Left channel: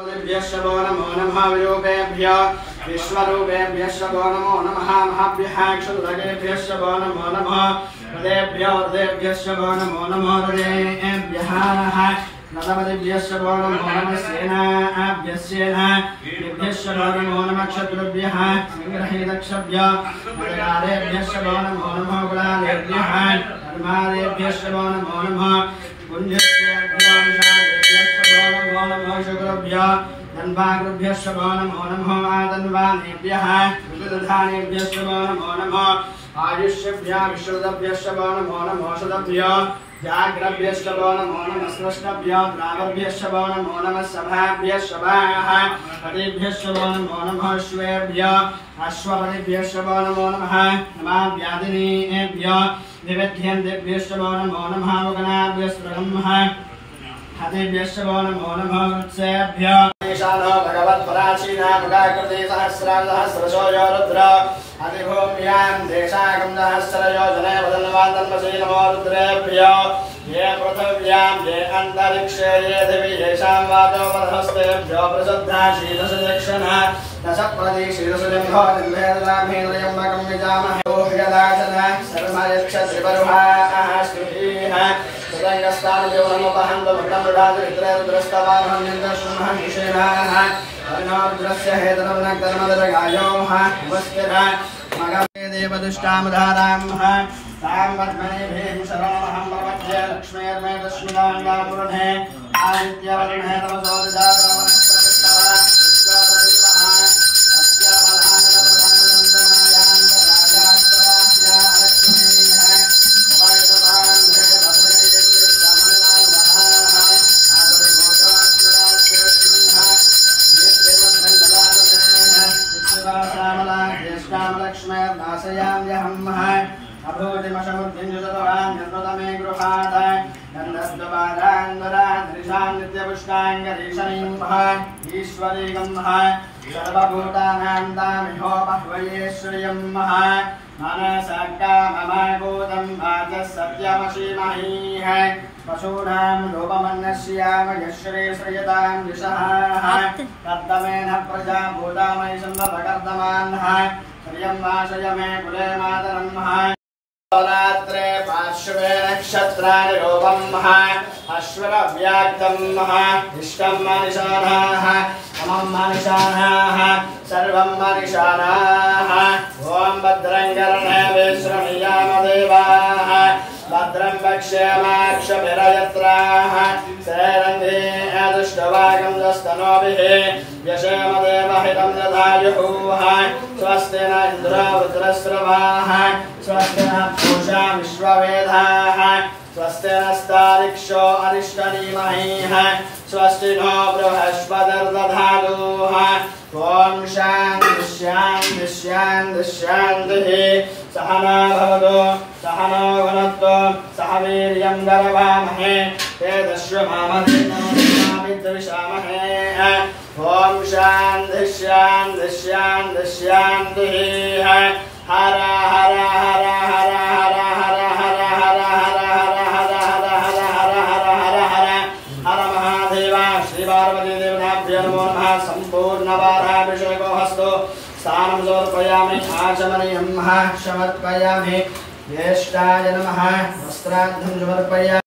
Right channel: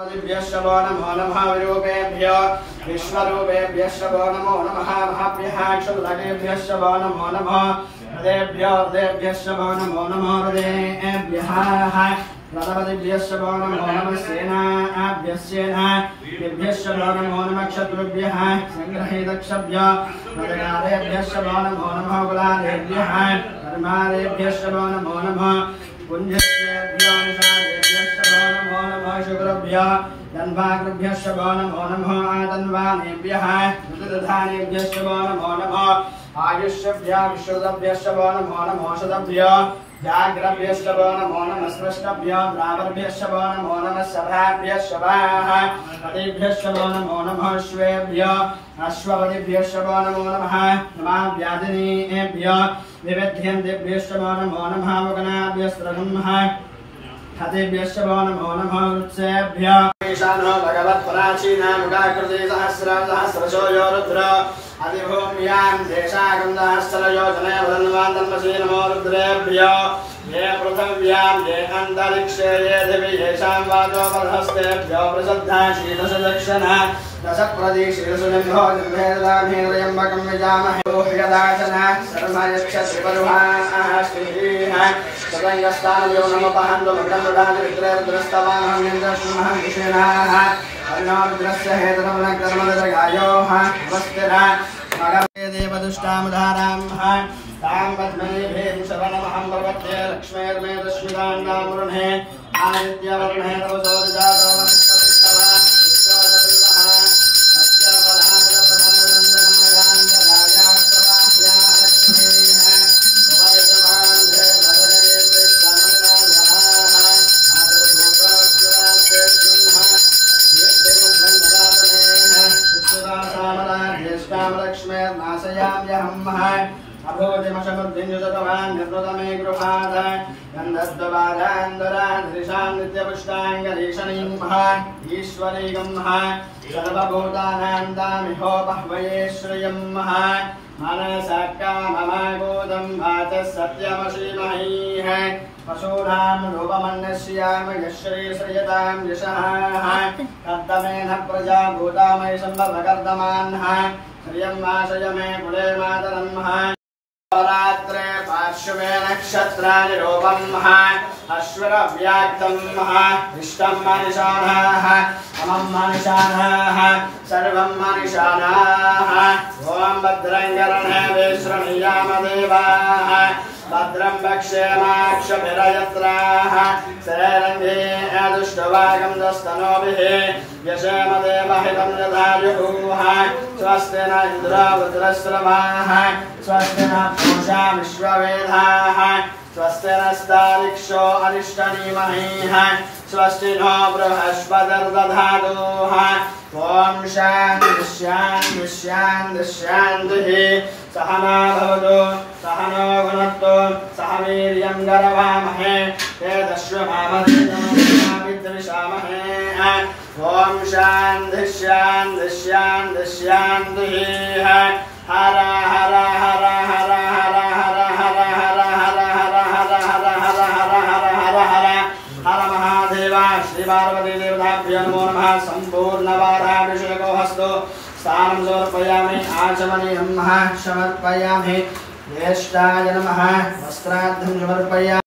नमो नमः विरूपेभ्यो विश्वरूपेभ्यः नमो नमः महाभ्यः क्षुल्लकेभ्यः नमो नमः हृदेभ्यो हृदेभ्यः नमो नमः हृदेभ्यः नमदिभ्यः नमो नमः सेनाभ्यः नमो नमः क्षत्रुभ्यः संग्रहीतक्षभ्यो मदगारेभ्यः नमो नमः गुलालेभ्यः धर्मारेभ्यः नमो नमः पुण्येभ्यो नमो नमः शुक्रभ्यो धन्वाकृभ्यः नमो नमः आदन्वानेभ्यः विदधानेभ्यः नमो नमः आयुष्यभ्यः विश्रुतभ्यः नमो नमः औषधभ्यो जाग्रभ्यः नमो नमः स्रष्टभ्यो ब्राह्मभ्यः नमो नमः सभाभ्यः सभाः पतिभ्यः नमो नमः अश्वेभ्यो अश्वपतिभ्यः नमो नमः नमाभ्यादिनीभ्यो निवेद्यन्तेभ्यः नमो नमः मुगनाभ्यः हतेभ्यः नमो नमः वृत्सेभ्यो ईशानो भगवत्पराचीना मुखाकृते सहस्रशो यो रुद्र अधिभूम्यां देशागं सहस्रयोजने वदन्वादन्वशी नमो रुद्रेभ्यो ये पृथिव्यां ये अन्तरिक्षे ये दिवि येषां वाचो वरहस्तेभ्यो प्रसिद्धा शीलसदक्षिणा दशप्रतिशीलसुलिम्भो निर्भेददामेन्द्रयम्बकं यजामहे ह्यदाचना सर्वयक्षत्रिपरुहाः श्रीः तदङ्गस्तानयो नमोपहन्तो भक्तमृडादि विग्रहग्रस्तवानहं निर्दशुमः निषेणाः कर्णोर्द्रस्य हेतरवनकर्मदगायोः अवस्थिरः मगमे देवदुष्टामधारामः तां पद्मनेभेः शरणमहं प्रपद्ये लक्ष्मीर्मे तस्मिदान्नामुरुणे आदित्यवरुणे तपसोदजातावनस्तवः अभोजमशमुद्धिञ्जतवान् निर्वृतमे गृहात् गन्धस्वपादान्दरान् नित्यपुष्टाङ्गरीषणीं ईश्वरीगं सर्वभूतानां दामिहोपह्वये श्रियं मनसकाममभूतं भातः सत्यमशीमहीः पशूनां रूपमन्यस्याम यश्री श्रियतां यशः कर्दमेन प्रजा भूतामयि सम्भवकर्दमान्ः श्रियं वासय मे कुले मातरं रात्रे पार्श्वे नक्षत्राणि रूपं अश्विरव्याक्तं इष्टं मनिषाणाः अमं मनिषाणाः सर्वं मनिषाणाः ॐ भद्रं कर्णेभिः शृणुयाम देवाः भद्रं पश्येमाक्षभिर्यत्राः सेरन्धे दुष्टवागं दस्तनोभिः यशेम देवहितं दधायुः स्वस्ति न इन्द्रो वृत्रस्रवाः स्वस्ति न पूषा विश्ववेदाः स्वस्ति नस्तारिक्षो अरिष्टनीमहीः स्वस्ति नो बृहस्पतिर्दधातु ॐ शान्तिः शान्तिः शान्तिः शान्तिः सहना भवतु सहनो भुनक्तु सह वीर्यं करवामहे तेजस्विनामधेर्विद्विषामहे ॐ शान्तिः शान्तिः शान्तिः शान्तिः हर हर हर हर हर हर हर हर हर हर हर हर हर हर हर महादेव श्री पार्वती देवताभ्यो नमो नमः सम्पूर्णवाराभिषेको हस्तो स्थानं समर्पयामि आचमनीयं समर्पयामि ज्येष्ठाय नमः वस्त्रार्थं समर्पयामि।